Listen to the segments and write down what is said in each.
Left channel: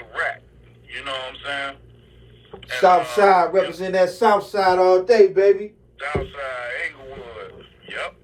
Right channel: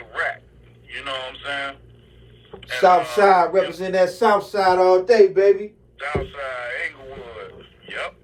the rack. You know what I'm saying? And, South Side, represent that South Side all day, baby. Southside, Inglewood. Yep.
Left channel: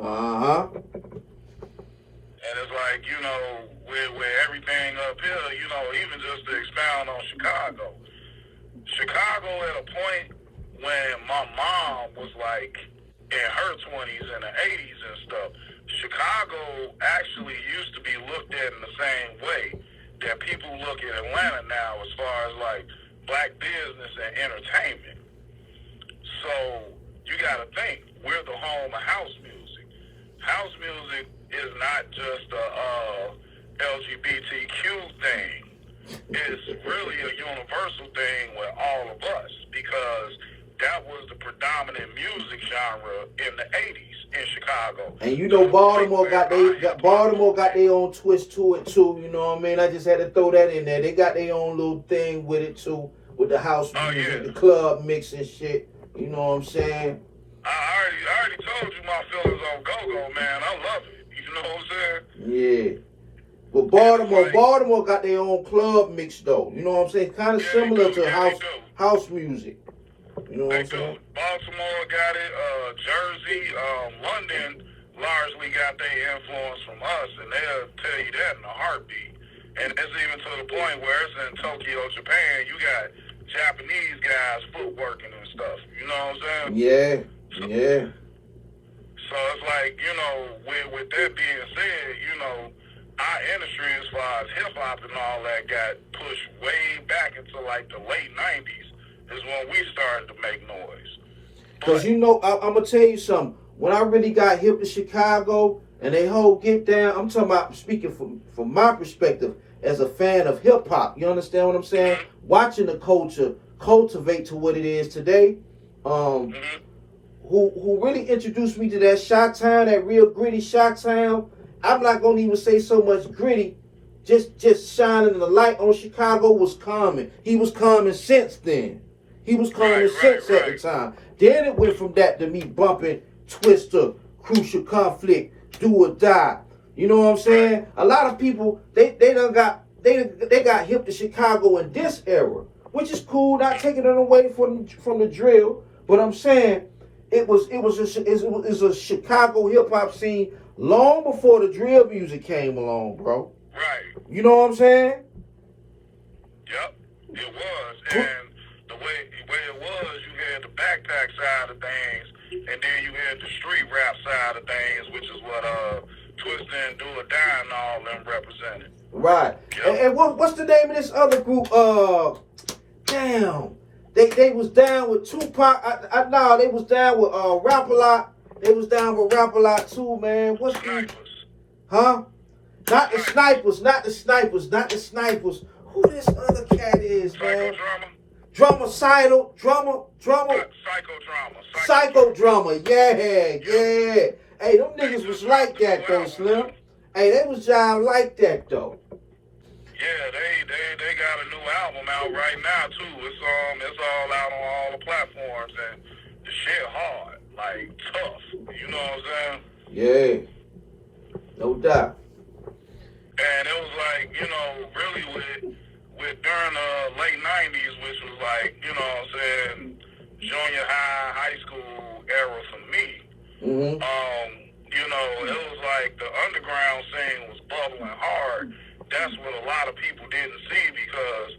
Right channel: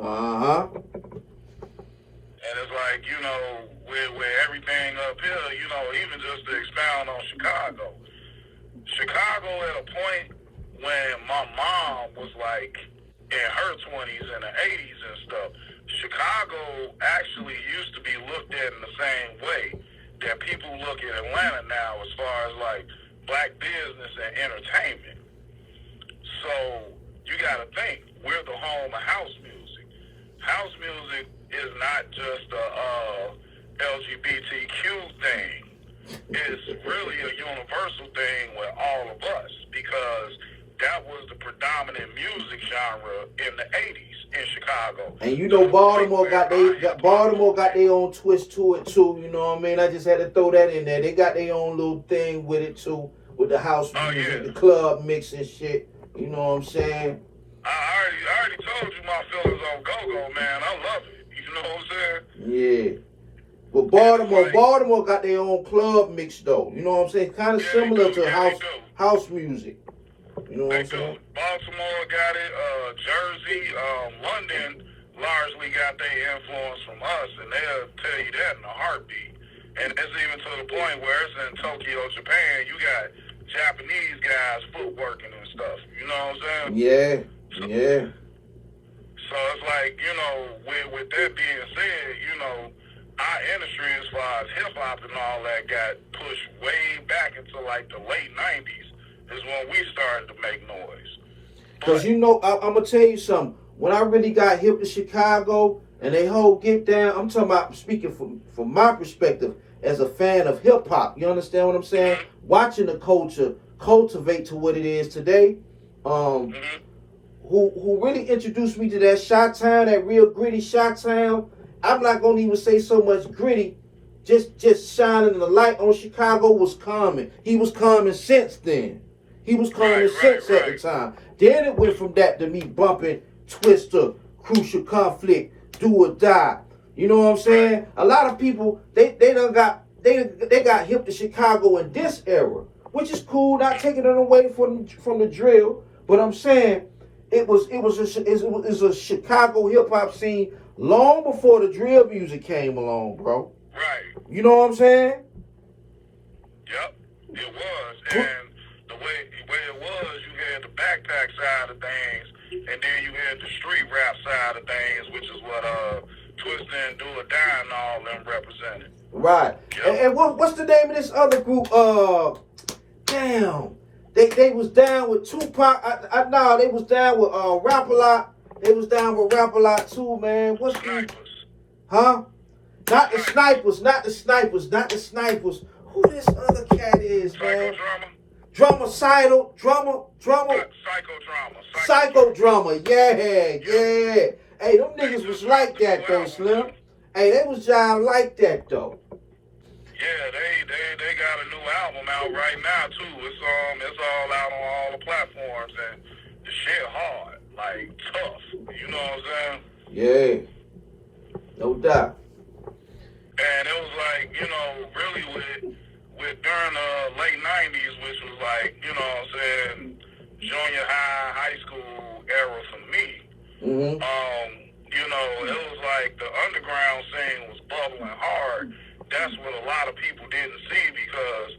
Uh-huh. And it's like, you know, with everything up here, you know, even just to expound on Chicago. Chicago at a point when my mom was like in her 20s and the 80s and stuff, Chicago actually used to be looked at in the same way that people look at Atlanta now as far as like black business and entertainment. So you got to think, we're the home of house music. House music is not just a LGBTQ thing. It's really a universal thing with all of us because that was the predominant music genre in the 80s in Chicago. And you know Baltimore got their own twist to it too, you know what I mean? I just had to throw that in there. They got their own little thing with it too, with the house music, the club mix and shit. You know what I'm saying? I already told you my feelings on go-go, man. I love it. You know what I'm saying? Yeah. But Baltimore got their own club mix though. You know what I'm saying? Kind of similar to house music. You know what I'm saying? Baltimore got it. Jersey, London largely got their influence from us, and they'll tell you that in a heartbeat. And it's even to the point where it's in Tokyo, Japan. You got Japanese guys footworking and stuff. You know what I'm saying? Yeah. So it's like, you know, with that being said, you know, our industry as far as hip hop and all that got pushed way back into like the late 90s is when we started to make noise. Because, you know, I'm going to tell you something. When I really got hip to Chicago and they whole get down, I'm talking about speaking from my perspective as a fan of hip hop. You understand what I'm saying? Mm-hmm. Watching the culture cultivate to what it is today. Who really introduced me to that Chi-Town, that real gritty Chi-Town. I'm not going to even say so much gritty. Just shining the light on Chicago was Common. He was Common since then. He was Common since at the time. Then it went from that to me bumping Twister, Crucial Conflict, Do or Die. You know what I'm saying? A lot of people, they got hip to Chicago in this era, which is cool, not taking it away from the drill. But I'm saying it was a Chicago hip hop scene long before the drill music came along, bro. Right. You know what I'm saying? Yep, it was. And the way it was, you had the backpack side of things, and then you had the street rap side of things, which is what Twista and Do or Die and all them represented. Right. Yep. And what's the name of this other group? Damn. They was down with Tupac. They was down with Rap-A-Lot. They was down with Rap-A-Lot too, man. What's the... Huh? Not the snipers. Who this other cat is, man? Psychodrama. Yeah. Hey, them niggas was like that though, Slim. Hey, they was jive like that though. Yeah, they got a new album out right now too. It's all out on all the platforms and the shit hard, like tough. You know what I'm saying? Yeah, no doubt. And it was like, you know, really with during the late 90s, which was like, you know what I'm saying, junior high school era for me. Mm-hmm. You know, it was like the underground scene was bubbling hard. That's what a lot of people didn't see because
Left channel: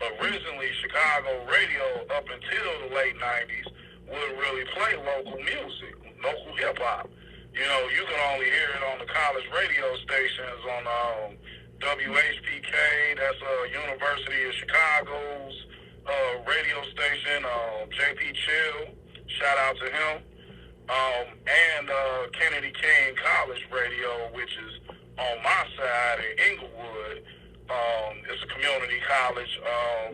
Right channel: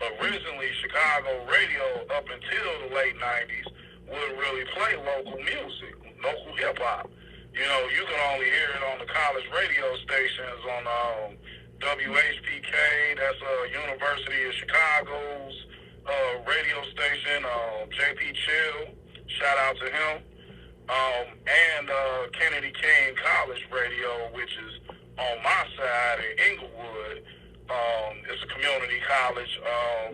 originally Chicago radio up until the late 90s would really play local music, local hip hop. You know, you can only hear it on the college radio stations on WHPK, that's University of Chicago's radio station, JP Chill, shout out to him, and Kennedy King College Radio, which is on my side in Inglewood. It's a community college.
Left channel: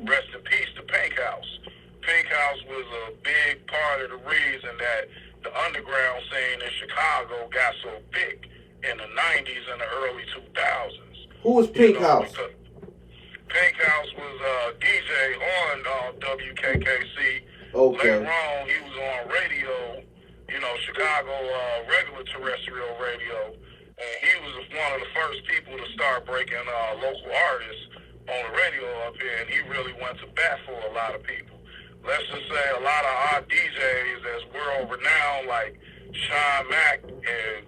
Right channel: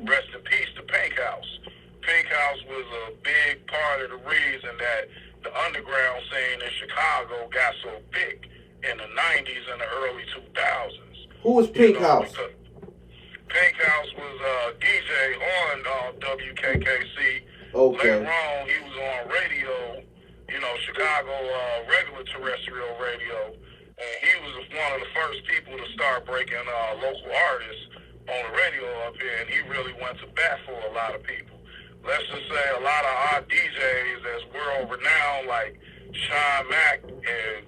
Rest in peace to Pink House. Pink House was a big part of the reason that the underground scene in Chicago got so big in the 90s and the early 2000s. Who was Pink House? Pink House was a DJ on WKKC. Okay. Later on, he was on radio, you know, Chicago regular terrestrial radio. And he was one of the first people to start breaking local artists on the radio up here, and he really went to bat for a lot of people. Let's just say a lot of our DJs that's world renowned, like Sean Mack and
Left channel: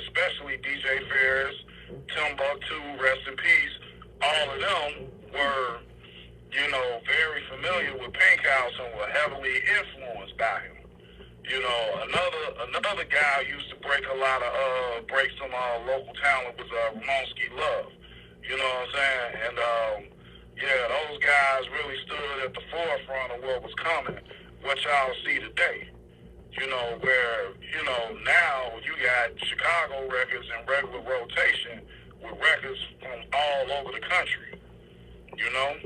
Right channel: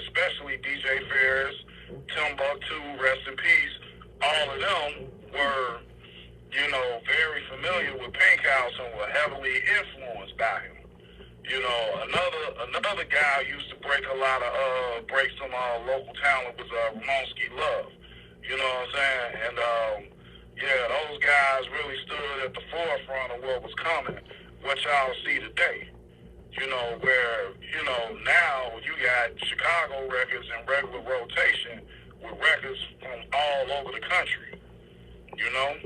especially DJ Ferris, Timbuktu, rest in peace, all of them were, you know, very familiar with Pink House and were heavily influenced by him. You know, another guy who used to break some local talent was Ramonski Love. You know what I'm saying? And yeah, those guys really stood at the forefront of what was coming, what y'all see today. You know, where, you know, now you got Chicago records in regular rotation with records from all over the country. You know?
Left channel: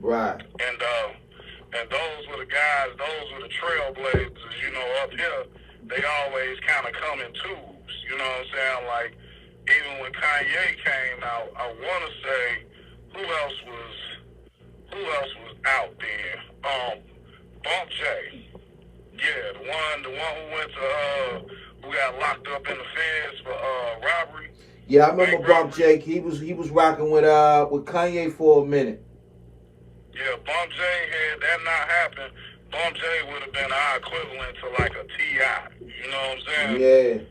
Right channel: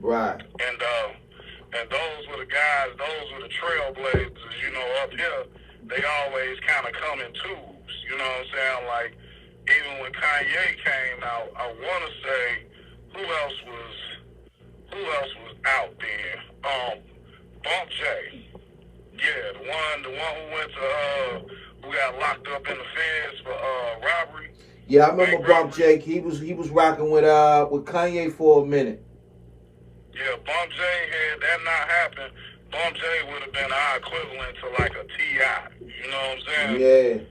Right. And those were the guys, those were the trailblazers, you know, up here. They always kind of come in twos, you know what I'm saying? Like, even when Kanye came out, I want to say, who else was out then? Bump J. Yeah, the one who went to, who got locked up in the feds for robbery. Yeah, I remember Bump J. He was rocking with Kanye for a minute. Yeah, Bump J, had that not happened, Bump J would have been our equivalent to like a T.I. You know what I'm saying? Yeah.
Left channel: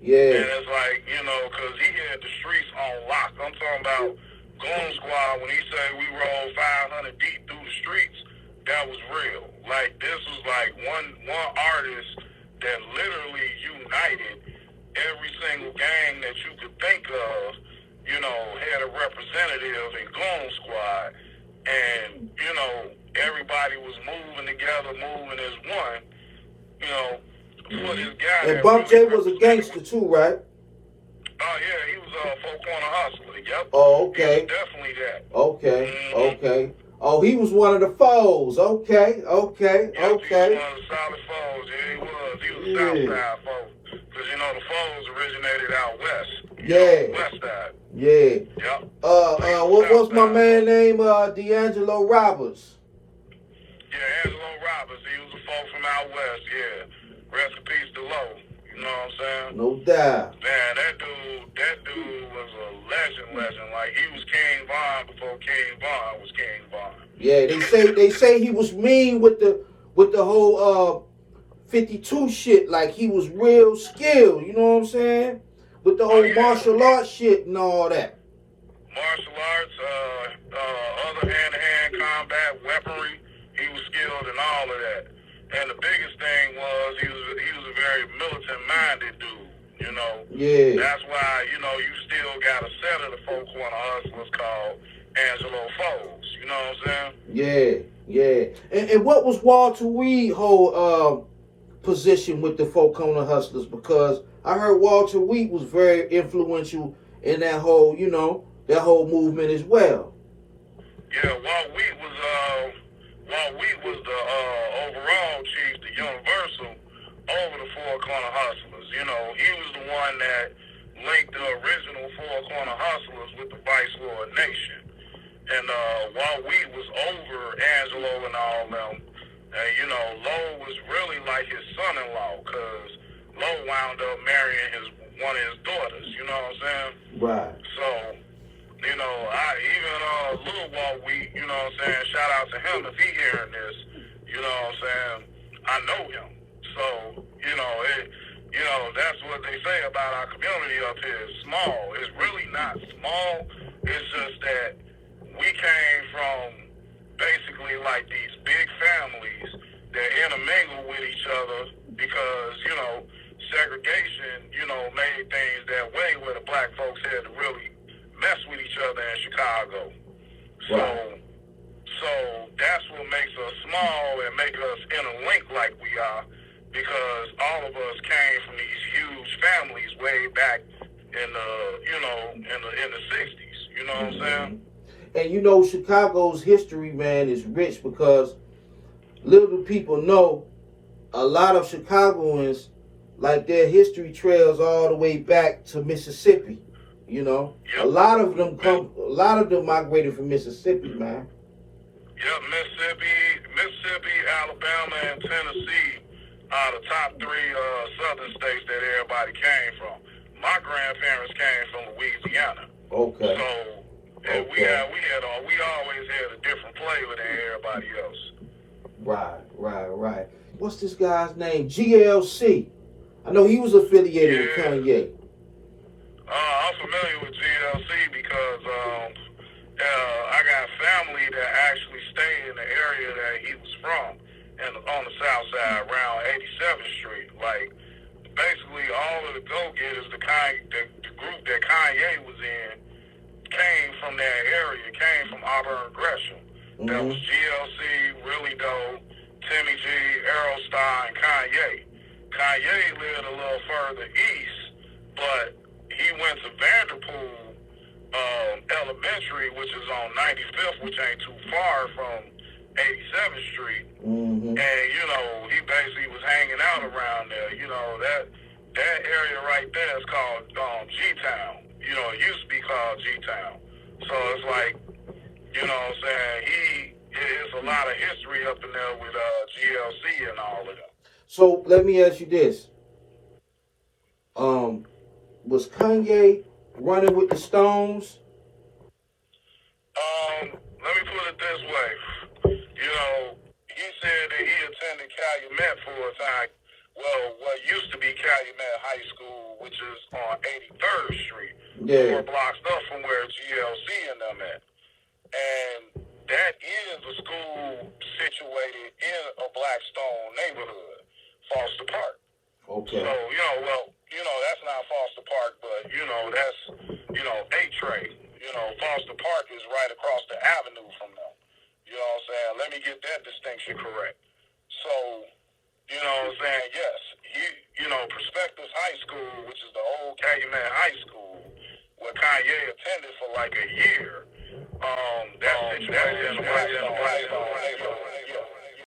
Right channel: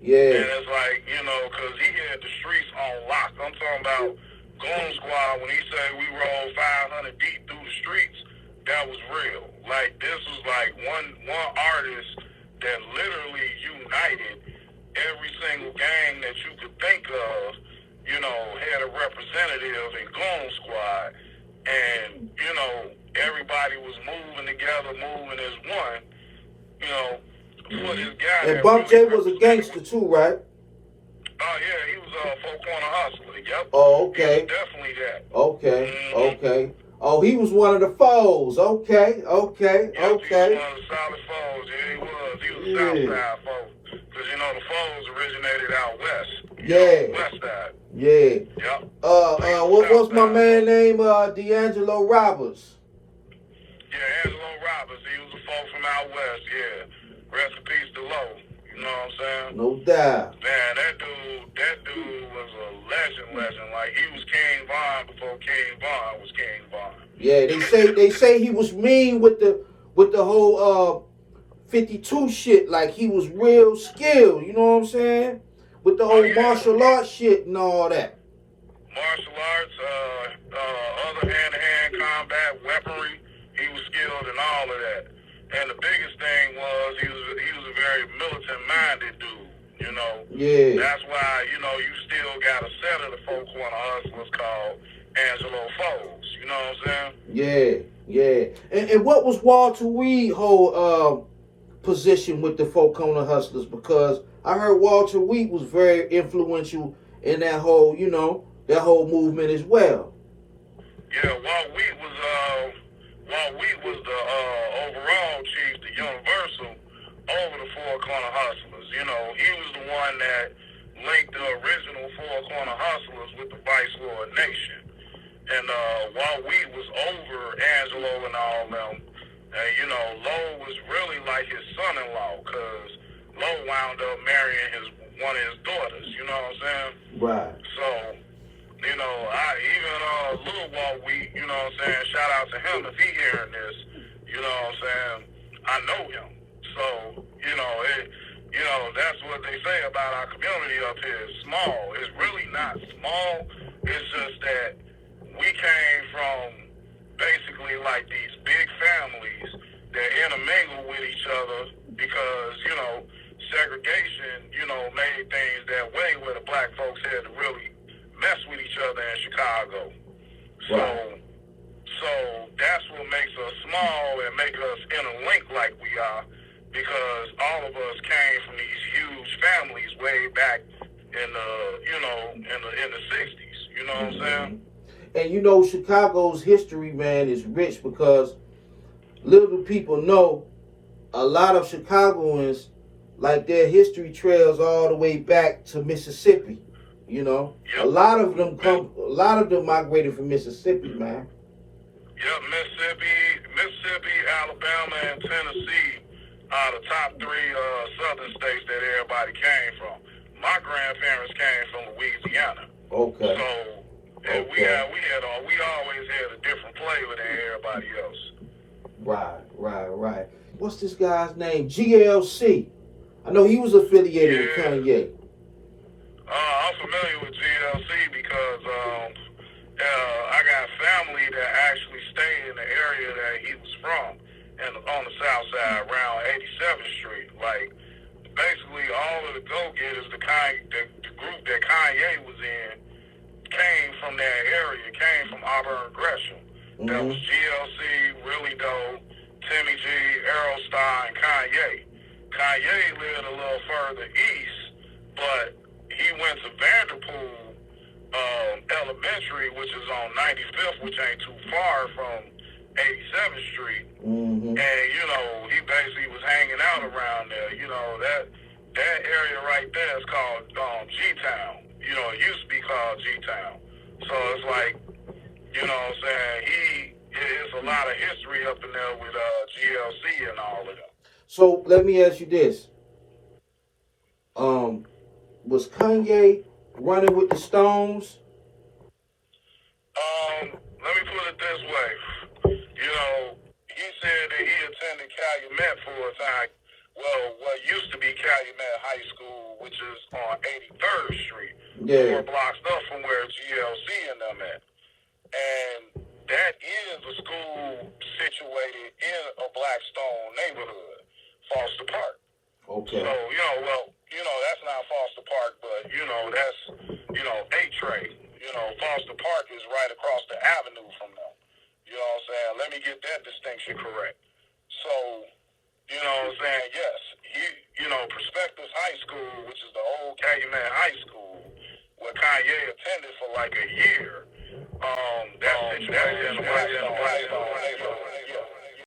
Yeah. And it's like, you know, because he had the streets on lock. I'm talking about Goon Squad. When he said we rolled 500 deep through the streets, that was real. Like, this was like one artist that literally united every single gang that you could think of, you know, had a representative in Goon Squad. And, you know, everybody was moving together, moving as one, you know, for this guy. And Bump J was a gangster too, right? Oh, yeah, he was a four corner hustler, yep. Oh, okay. He was definitely that. Okay, okay. Oh, he was one of the foes. Okay. Yep, he was one of the solid foes. Yeah, he was. He was a Southside foe. Because, you know, the foes originated out west. West side. Yeah. Yep. What's my man name? D'Angelo Roberts. Yeah, Angelo Roberts. He was a foe from out west. Yeah. Rest in peace to Low. You know what I'm saying? No doubt. Man, that dude was a legend. Like, he was King Von before King Von was King Von. Yeah, they say he was mean with the whole 52 shit. Like, he was real skilled. You know what I'm saying? With the whole martial arts shit and all that. Martial arts, other hand-to-hand combat, weaponry. He was skilled in all of that. And the biggest thing was he was a very militant-minded dude, you know. Yeah. That's why, you know, you still got a set of the four corner hustlers called Angelo Foes. You know what I'm saying? Yeah. And what was Walter Reed's whole position with the four corner hustlers? Because I heard Walter Reed was very influential in that whole, you know, that whole movement as well. Yeah, Walt Wheat was the overall chief, the universal, over the Four Corner Hustlers. You know, he was the one that linked the original Four Corner Hustlers with the Viceroy Nation. And Walt Wheat was over Angelo and all them. And, you know, Lowe was really like his son-in-law, because Lowe wound up marrying one of his daughters. You know what I'm saying? Right. So, you know, even Lil Walt Wheat, you know what I'm saying, shout out to him if he hearing this, you know what I'm saying, I know him. So, you know, that's what they say about our community up here. It's small. It's really not small. It's just that we came from basically like these big families that intermingle with each other because, you know, segregation, you know, made things that way where the black folks had to really mess with each other in Chicago. So that's what makes us small and make us interlinked like we are, because all of us came from these huge families way back in the 60s. You know what I'm saying? And you know, Chicago's history, man, is rich, because little people know a lot of Chicagoans, like, their history trails all the way back to Mississippi. You know, yep. A lot of them migrated from Mississippi, man. Yep, Mississippi, Alabama, and Tennessee are the top three southern states that everybody came from. My grandparents came from Louisiana. Okay. So, And Okay. we always had a different flavor than everybody else. Right. What's this guy's name? GLC. I know he was affiliated with Yeah. Kanye. I'm familiar with GLC because I got family that actually stayed in the area that he was from, and on the south side around 87th Street. Like basically all of the go-getters, the group that Kanye was in, came from that area, came from Auburn Gresham. Mm-hmm. That was GLC, Really Doe, Timmy G, Aerostar, and Kanye. Kanye lived a little further east, but he went to Vanderpool Elementary, which is on 95th, which ain't too far from 87th Street. Mm-hmm. And, you know, he basically was hanging out around there. You know, that area right there is called G-Town. You know, it used to be called G-Town. So it's like, you know what I'm saying, there's a lot of history up in there with GLC and all of that. So let me ask you this. Was Kanye running with the Stones? Let me put it this way. You know, he said that he attended Calumet for a time. Well, what used to be Calumet High School, which is on 83rd Street, 4 blocks up from where GLC and them at. And that is a school situated in a Blackstone neighborhood, Foster Park. Okay. So, that's not Foster Park, but, that's, 8-Tray. Foster Park is right across the avenue from them. You know what I'm saying? Let me get that distinction correct. So, you know what I'm saying? Yes, Prospectus High School, which is the old Calumet High School, where Kanye attended for like a year, that's situated in the Blackstone neighborhood.